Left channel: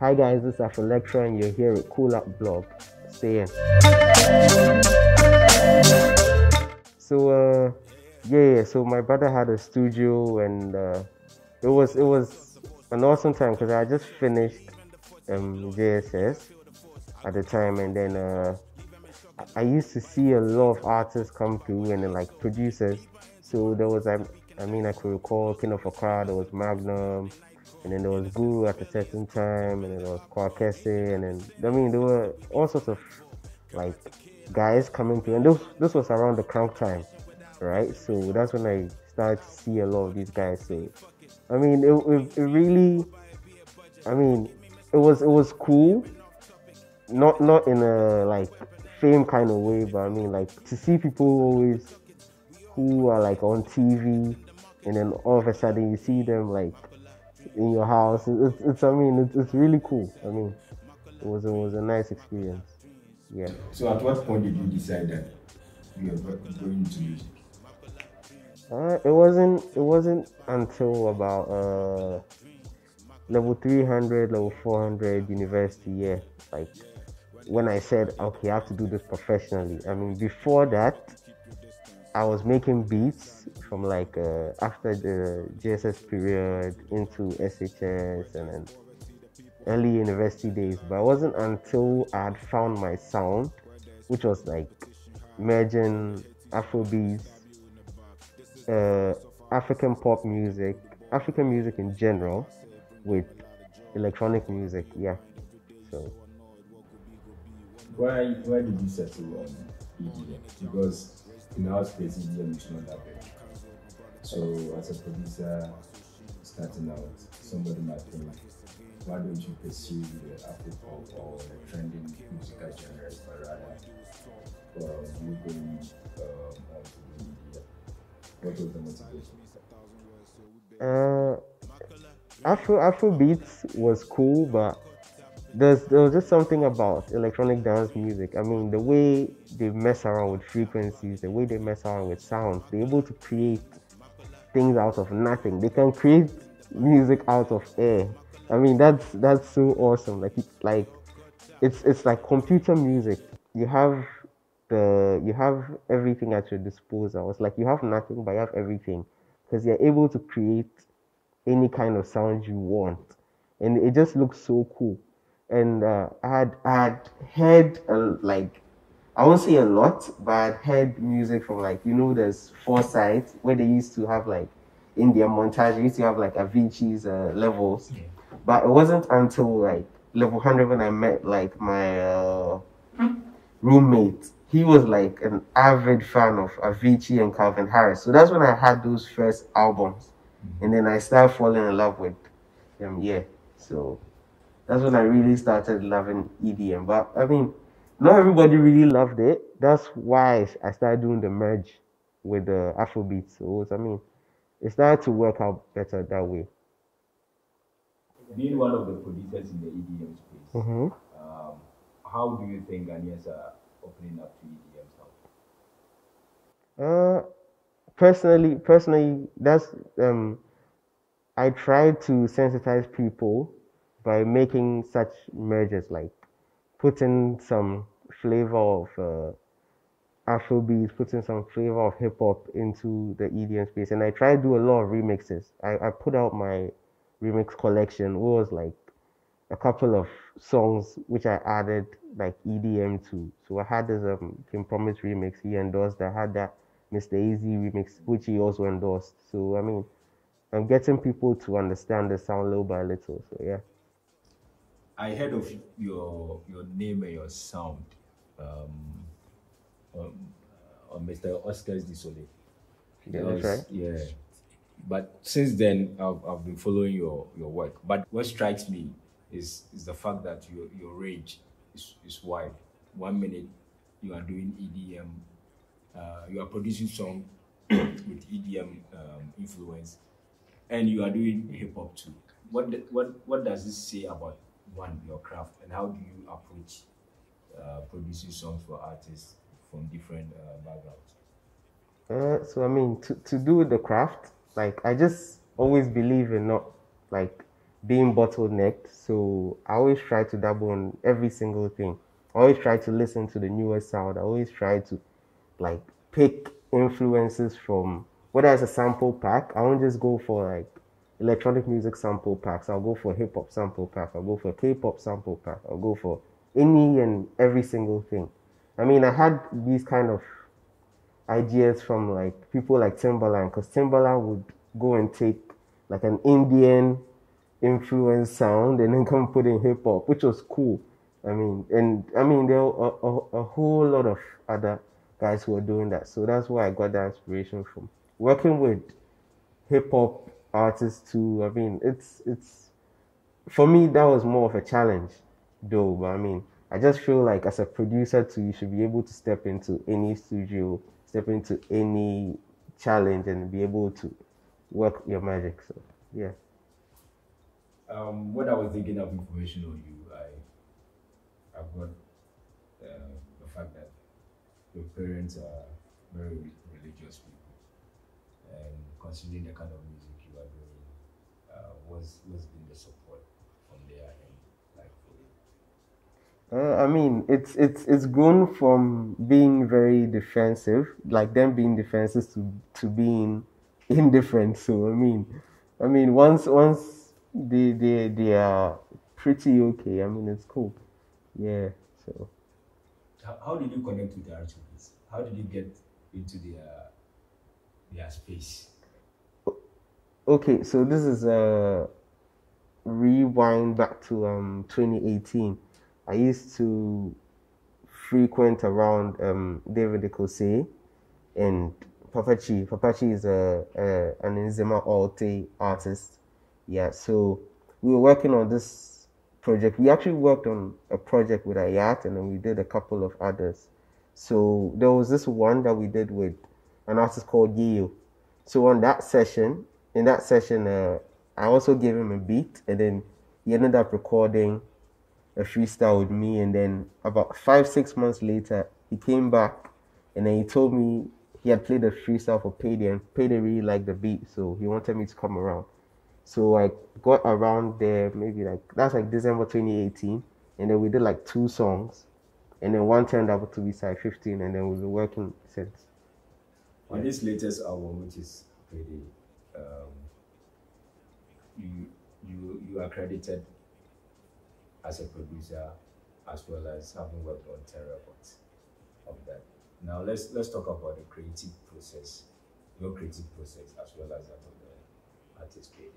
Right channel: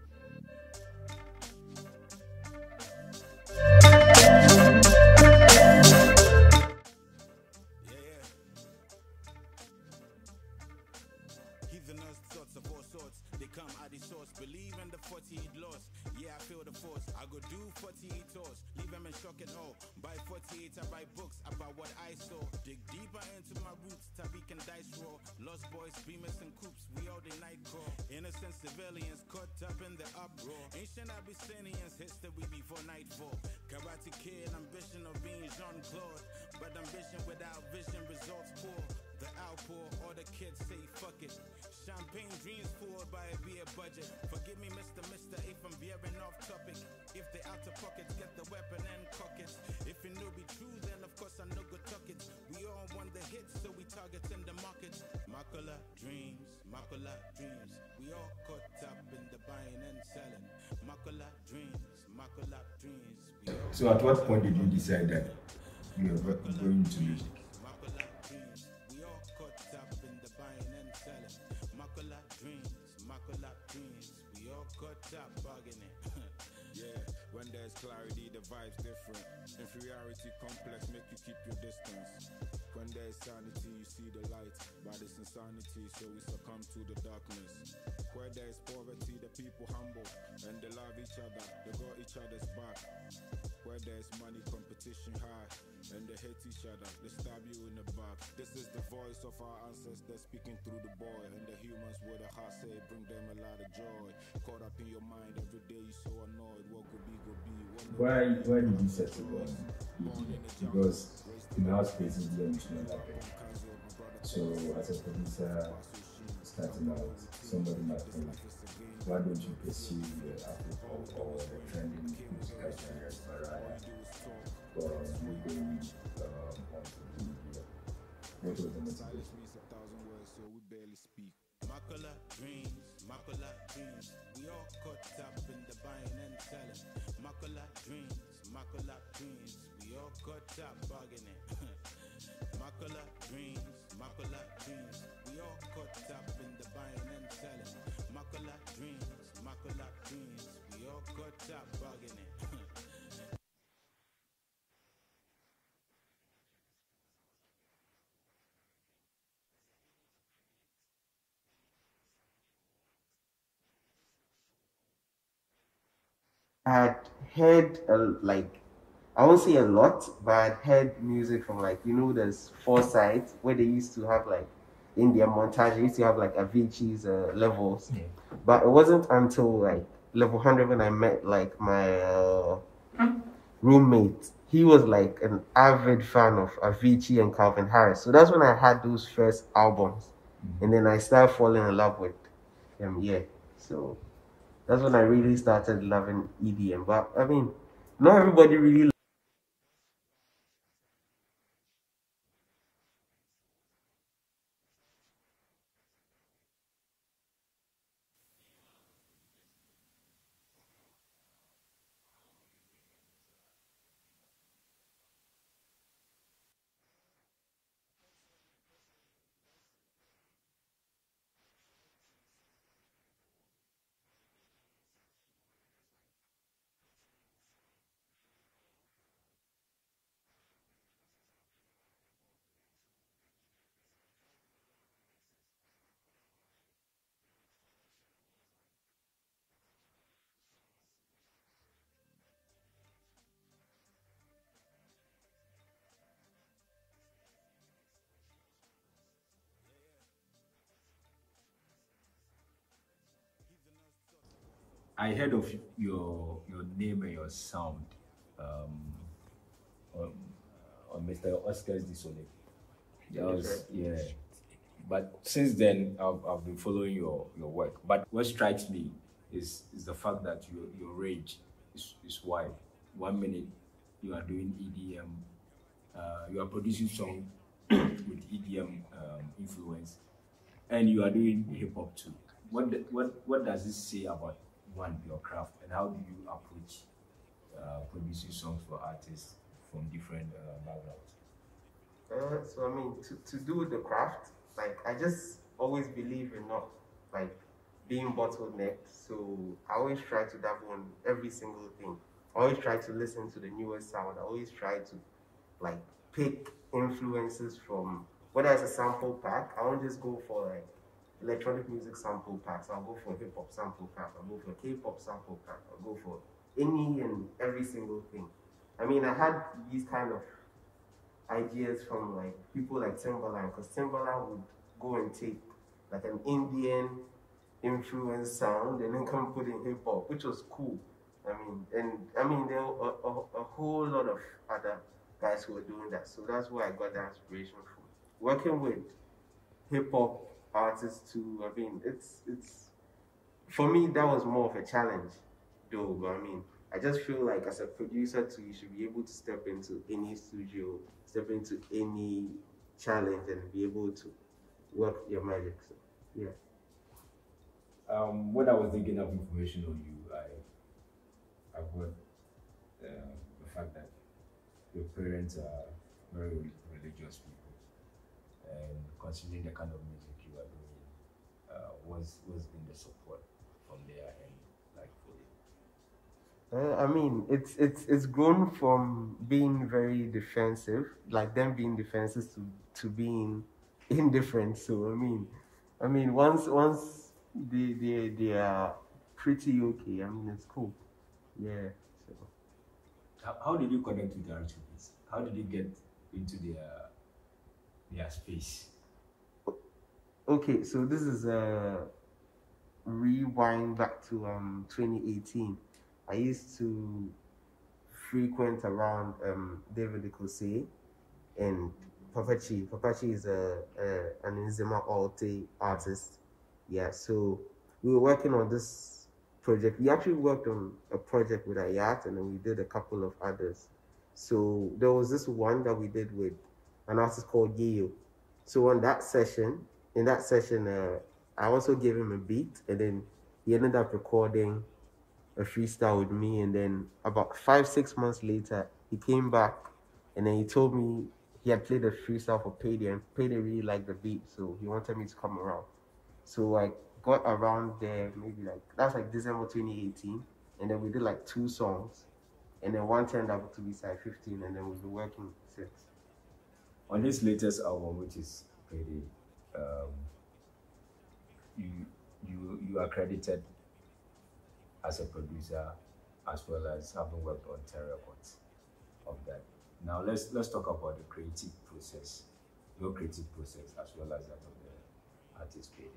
Hi guys, this is Afrolektra and you're here at Culart blog. Stay in. So my brother had a studio and it was an awesome time because I just finished JSS at the time, and then I used to see a lot of artists come through and then like producers. So there was I could recall King of Accra, there was Magnum, and then there was Guru at a certain time, and then there was Kwarkese, and then there were all sorts of like guys coming through, and this was around the crunk time, right? So that's when I started to see a lot of these guys. So it really, it was cool, not in a like fame kind of way, but like to see people always who are like on TV, and then all of a sudden you see them like in your house. It's really cool. It was a nice experience. Yeah. So at what point did you decide that you were going to music? It wasn't until about level 300, level 400 university. Yeah, like when I said, okay, I have to do this professionally. Before that, I was making beats from like after the JSS period into SHS and then early university days. But it wasn't until I had found my sound, which was like merging Afrobeats, African pop music, African music in general, with electronic music. Yeah. So Why did you settle on EDM? Because in our space, EDM is not that big. So as a producer starting out, somebody might think, why don't you pursue the Afro-pop or the trending musical genres, but rather you going on to the EDM? What was the motivation? Afro beats was cool, but there was just something about electronic dance music. The way they mess around with frequencies, the way they mess around with sounds, they're able to create things out of nothing. They can create music out of air. That's so awesome. It's like computer music. You have everything at your disposal. It's like you have nothing, but you have everything because you're able to create any kind of sound you want, and it just looks so cool. And I had heard like, I won't say a lot, but I'd heard music from like, there's Foresight where they used to have like in their montage they used to have like Avicii's levels, but it wasn't until like level 100 when I met like my roommate. He was like an avid fan of Avicii and Calvin Harris, so that's when I had those first albums, and then I started falling in love with them. Yeah, so that's when I really started loving EDM. But not everybody really loved it. That's why I started doing the merge with the Afrobeats. So it started to work out better that way. Being one of the producers in the EDM space, Mm-hmm. how do you think Ghanaians are opening up to EDM Uh, personally, that's I try to sensitize people by making such mergers, like putting some flavor of Afrobeat, putting some flavor of hip hop into the EDM space. And I try to do a lot of remixes. I put out my remix collection. It was like a couple of songs which I added like EDM to. So I had this Kim Promise remix he endorsed. I had that Mr. Easy remix which he also endorsed. So I'm getting people to understand the sound little by little. So yeah. I heard of your name and your sound um, on, on Mr. Oscar's Disole. Yeah, that's right. Yeah. But since then, I've been following your work. But what strikes me is the fact that your range is wide. 1 minute you are doing EDM, you are producing song with EDM influence, and you are doing hip hop too. What does this say about your craft, and how do you approach producing songs for artists from different backgrounds? To do the craft, like I just always believe in not like being bottlenecked. So I always try to dabble in every single thing. I always try to listen to the newest sound. I always try to like pick influences from whether it's a sample pack. I won't just go for like electronic music sample packs. I'll go for hip hop sample pack. I'll go for K-pop sample pack. I'll go for any and every single thing. I mean, I had these kind of ideas from like people like Timbaland, because Timbaland would go and take like an Indian influence sound and then come put in hip hop, which was cool. I mean, there were a whole lot of other guys who were doing that. So that's where I got that inspiration from. Working with hip hop artists too. I mean, it's for me that was more of a challenge, though. But I mean, I just feel like as a producer too, you should be able to step into any studio, step into any challenge, and be able to work your magic. So yeah. When I was thinking of information on you, I've got the fact that your parents are very religious people, and considering the kind of music you are doing, what's been the support from their end like for you? I mean, it's grown from being very defensive, like them being defensive to being indifferent. So I mean, once they are pretty okay. I mean, it's cool. Yeah. So How did you connect with the artists? How did you get into their space? okay, so this is a rewind back to 2018. I used to frequent around David Ekose and Papachi. Papachi is an Nzema Alte artist. Yeah, so we were working on this project. We actually worked on a project with Ayat, and then we did a couple of others. So there was this one that we did with an artist called Gio. So on that session, in that session, I also gave him a beat, and then he ended up recording a freestyle with me. And then about 5 6 months later, he came back, and then he told me he had played a freestyle for Payday, and Payday really liked the beat, so he wanted me to come around. So I got around there, maybe like that's like December 2018, and then we did like 2 songs, and then one turned out to be Side 15, and then we've been working since. On this latest album, which is Payday, um, you are credited as a producer as well as having worked on 10 records of that. Now let's talk about the creative process, your creative process as well as that of the artist Payday.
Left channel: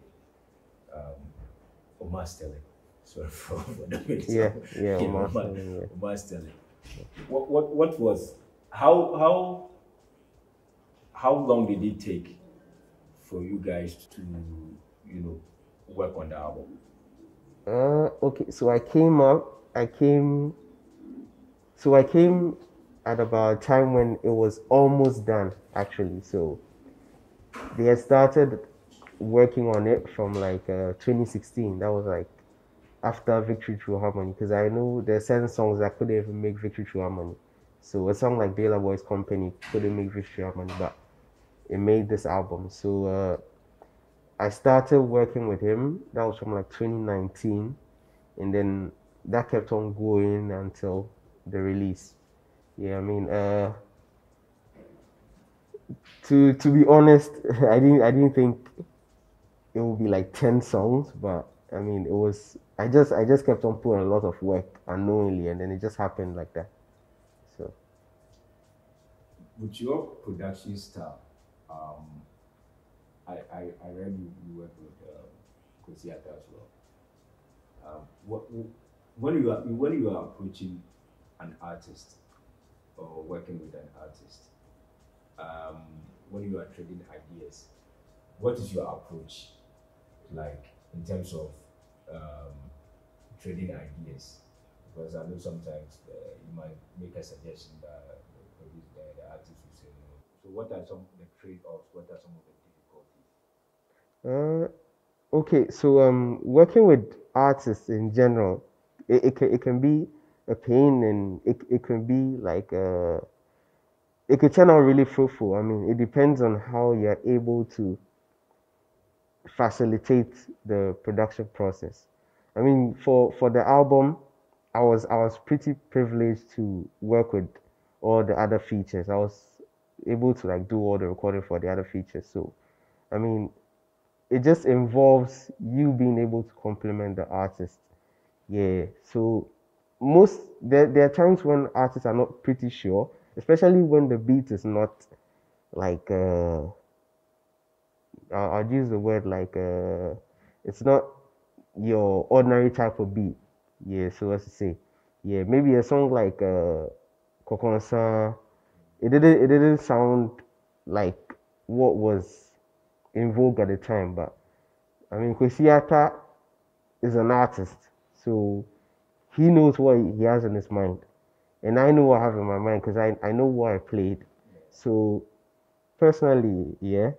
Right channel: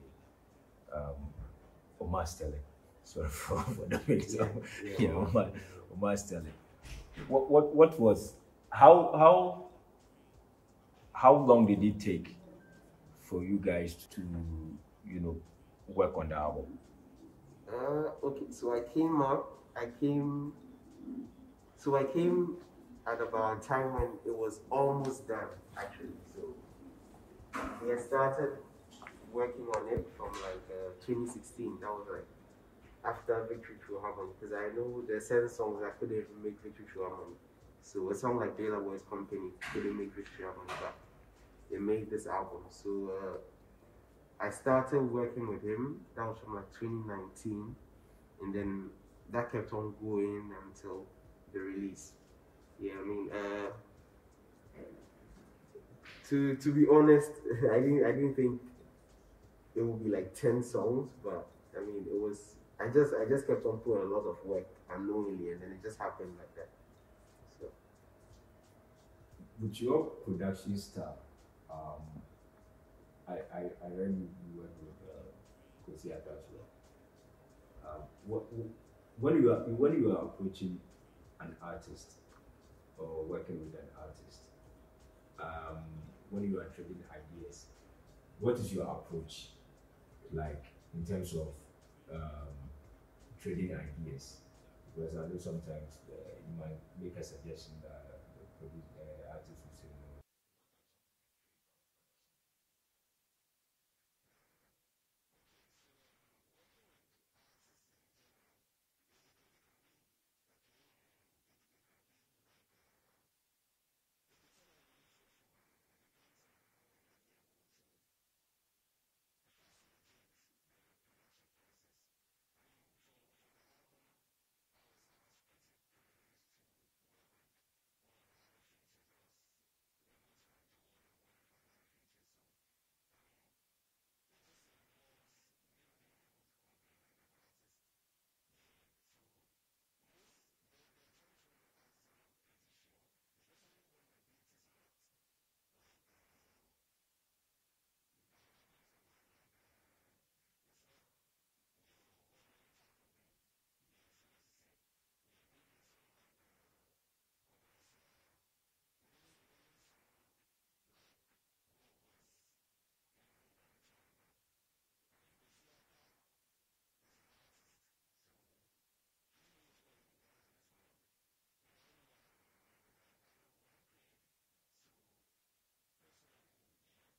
Omar Sterling. Sorry for the Yeah, yeah, Omar, yeah. Omar Sterling. What was how long did it take for you guys to work on the album? Okay, so I came at about a time when it was almost done, actually. So they had started working on it from like 2016. That was like after Victory Through Harmony, because I knew there are certain songs that couldn't even make Victory Through Harmony. So a song like Dela Boy's Company couldn't make Victory Through Harmony, but it made this album. So I started working with him. That was from like 2019, and then that kept on going until the release. Yeah, I mean, to be honest, I didn't think it would be like 10 songs, but I mean, it was. I just kept on putting a lot of work unknowingly, and then it just happened like that. So With your production style, I read you work with Culart as well. What when you are approaching an artist or working with an artist, um, when you are trading ideas, what is your approach like in terms of um, trading ideas? Because I know sometimes you might make a suggestion that the artist will say no. So what are some of the trade-offs? What are some of the difficulties? uh, okay, so working with artists in general, it can be a pain, and it can be like it could turn out really fruitful. I mean, it depends on how you're able to facilitate the production process. I mean, for the album, I was pretty privileged to work with all the other features. I was able to like do all the recording for the other features. So I mean, it just involves you being able to complement the artist. Yeah. So there are times when artists are not pretty sure, especially when the beat is not like I'll use the word like it's not your ordinary type of beat. Yeah, so as to say. Yeah, maybe a song like Kokonsa, it didn't sound like what was in vogue at the time, but I mean Kwesiata is an artist, so he knows what he has in his mind. And I know what I have in my mind because I know what I played. So personally, yeah,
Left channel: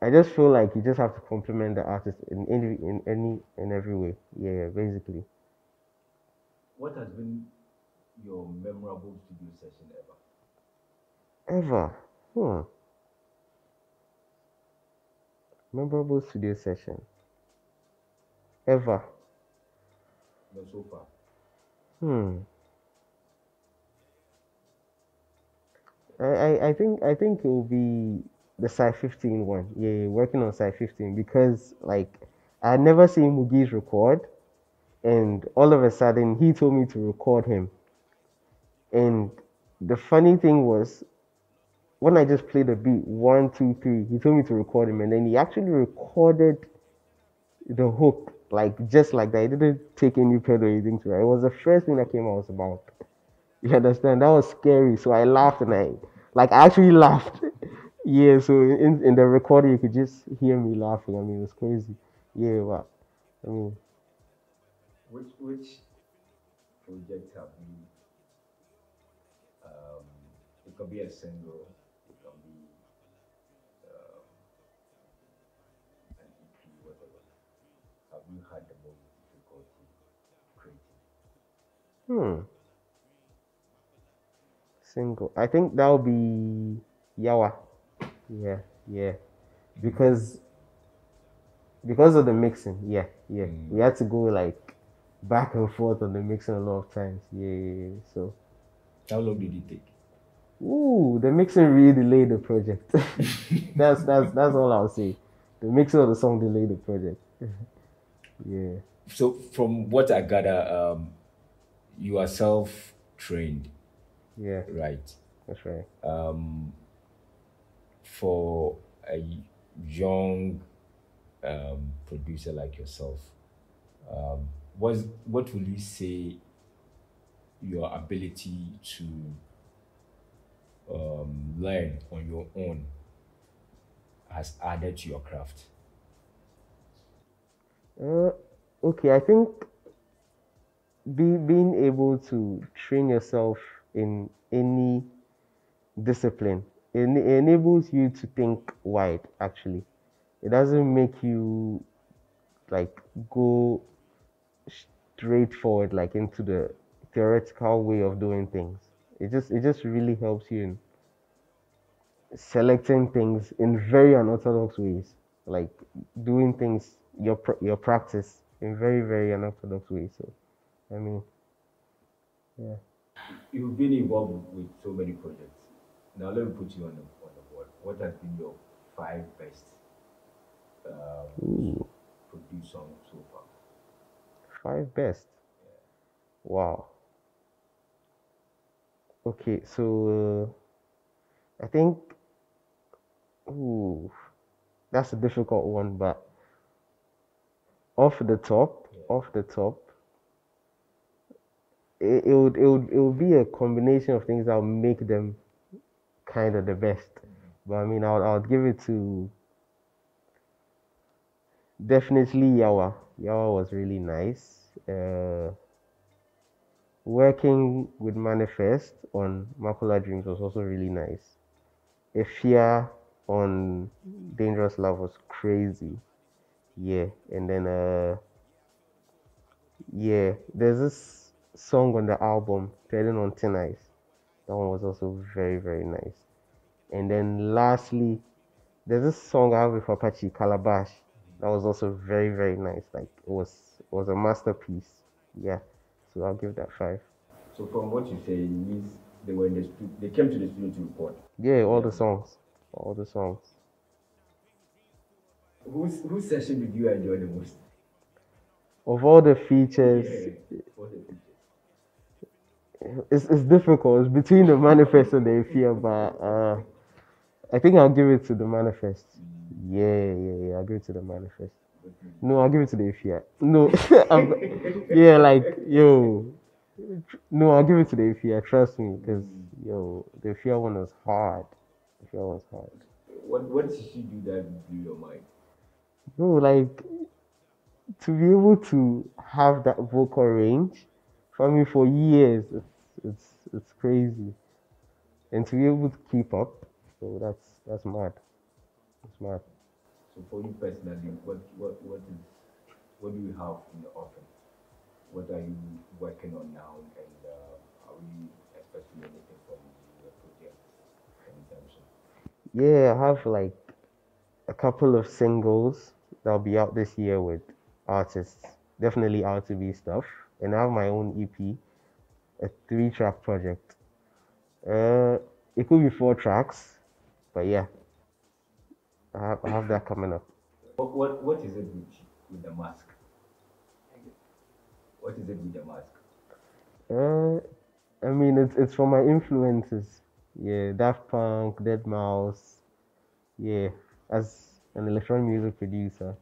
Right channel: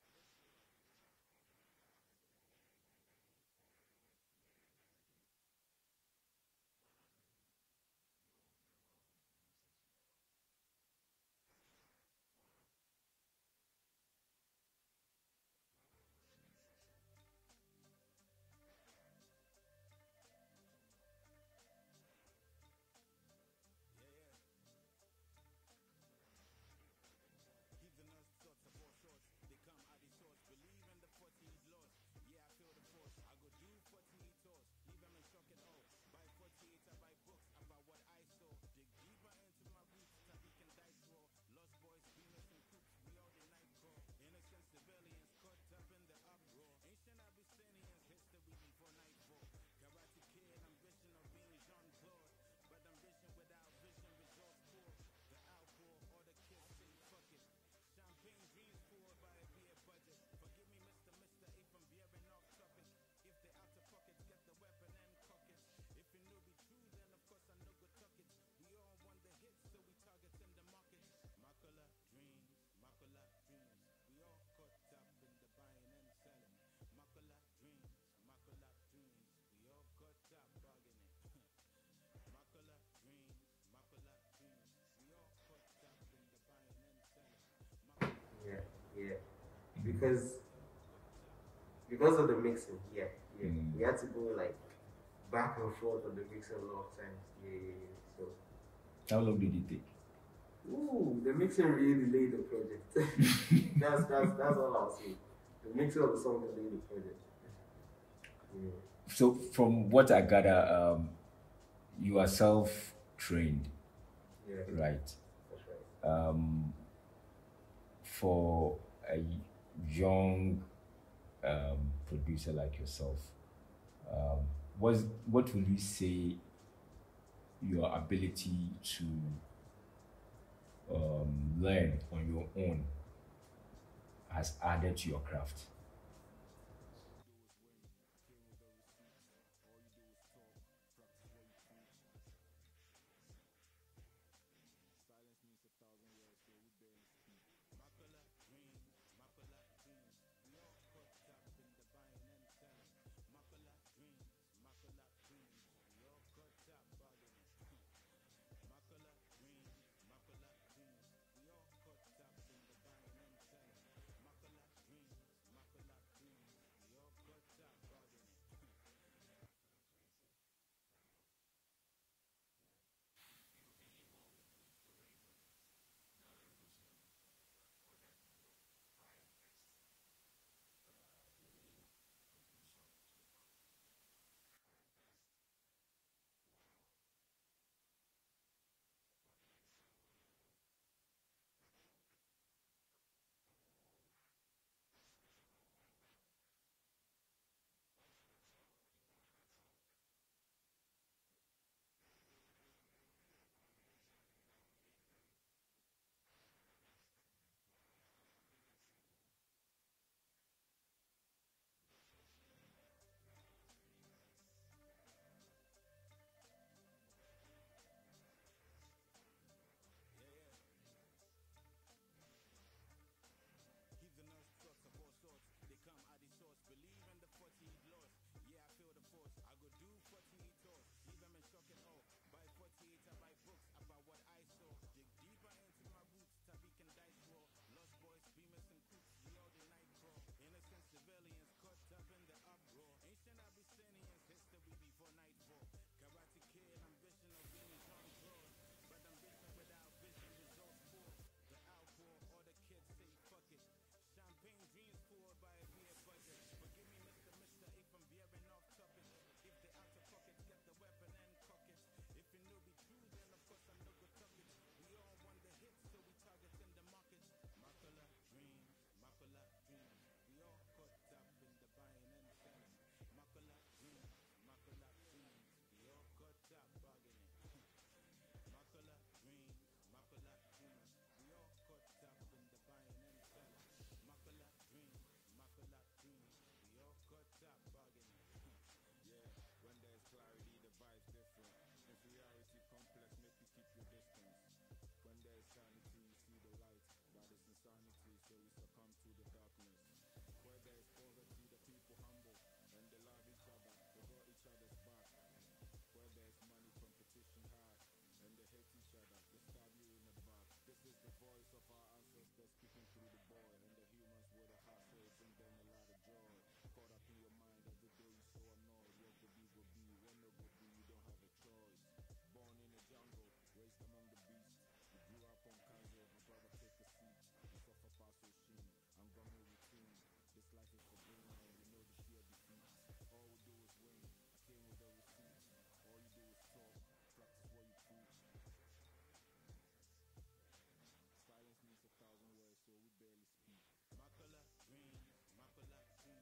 I just feel like you just have to compliment the artist in every way. Yeah, basically. What has been your memorable studio session ever? Ever. Hmm. Memorable studio session. Ever. No, so far. Hmm. I think it will be the Sci 15 one. Yeah, working on Sci 15 because like I had never seen Mugi's record, and all of a sudden he told me to record him. And the funny thing was when I just played the beat 1, 2, 3, he told me to record him, and then he actually recorded the hook like just like that. He didn't take any pedal or anything to it. It was the first thing that came out was about. You understand? That was scary. So I laughed and I actually laughed. Yeah. So in the recording you could just hear me laughing. I mean, it was crazy. Yeah. Wow. I mean, Which project have you? Um, it can be a single, it can be an EP, whatever. Have you had the most difficulty creating? hmm. Single. I think that would be Yawa. Yeah. Yeah. Because because of the mixing. Yeah. Yeah. We had to go like back and forth on the mixing a lot of times. Yeah. Yeah, yeah. So. How long did it take? Ooh, the mixing really delayed the project. That's all I'll say. The mixing of the song delayed the project. Yeah, So, from what I gather, you are self trained, yeah, right? that's right. For a young producer like yourself, what would you say your ability to learn on your own has added to your craft? Uh, okay, I think being able to train yourself in any discipline enables you to think wide. Actually, it doesn't make you like go straightforward like into the theoretical way of doing things. It just really helps you in selecting things in very unorthodox ways, like doing things your practice in very unorthodox ways. So I mean, yeah. You've been involved with so many projects. Now let me put you on the board. What has been your five best Ooh, produced songs so far? five best. Wow. Okay, so I think ooh, that's a difficult one, but off the top, it would be a combination of things that will make them kind of the best. But I mean, I'll give it to definitely Yawa. Yawa was really nice. Working with Manifest on Makula Dreams was also really nice. Efia on Dangerous Love was crazy. Yeah, and then yeah, there's this song on the album, Treading on Thin Ice. That one was also very nice. And then lastly, There's this song I have with Apache, Calabash. That was also very, very nice. Like it was a masterpiece. Yeah. So I'll give that 5. So from what you say, it means they were in the studio. They came to the studio to record. Yeah, all Yeah. the songs. All the songs. Whose session did you enjoy the most? Of all the features, Yeah. What's the feature? it's difficult. It's between the manifest and the fear, but I think I'll give it to the manifest. Yeah. I'll give it to the manifest. No, I'll give it to the fear. No, yeah, like yo. No, I'll give it to the fear. Trust me, because yo, the fear one was hard. The fear was hard. What did she do that blew your mind? No, like to be able to have that vocal range for me for years, it's crazy, and to be able to keep up, so that's mad. It's mad. So for you personally, what do you have in the offering? What are you working on now, and are we expecting anything from the project anytime soon? Yeah, I have like a couple of singles that'll be out this year with artists, definitely R2B stuff, and I have my own EP, a 3-track project. Uh, it could be 4 tracks, but yeah, I have that coming up. What is it with the mask? What is it with the mask? Uh, I mean, it's from my influences. Yeah, Daft Punk, Dead Mouse. Yeah, as an electronic music producer,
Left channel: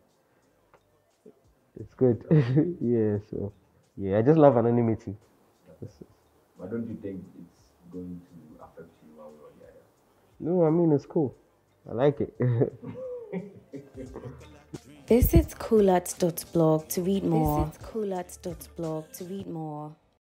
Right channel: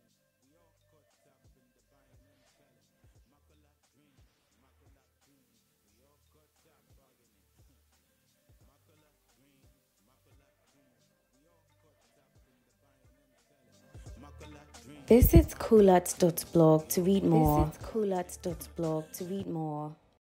it's good. Yeah, so yeah, I just love anonymity. But don't you think it's going to affect you one way or the other? No, I mean it's cool. I like it. Visit Culart.blog to read more.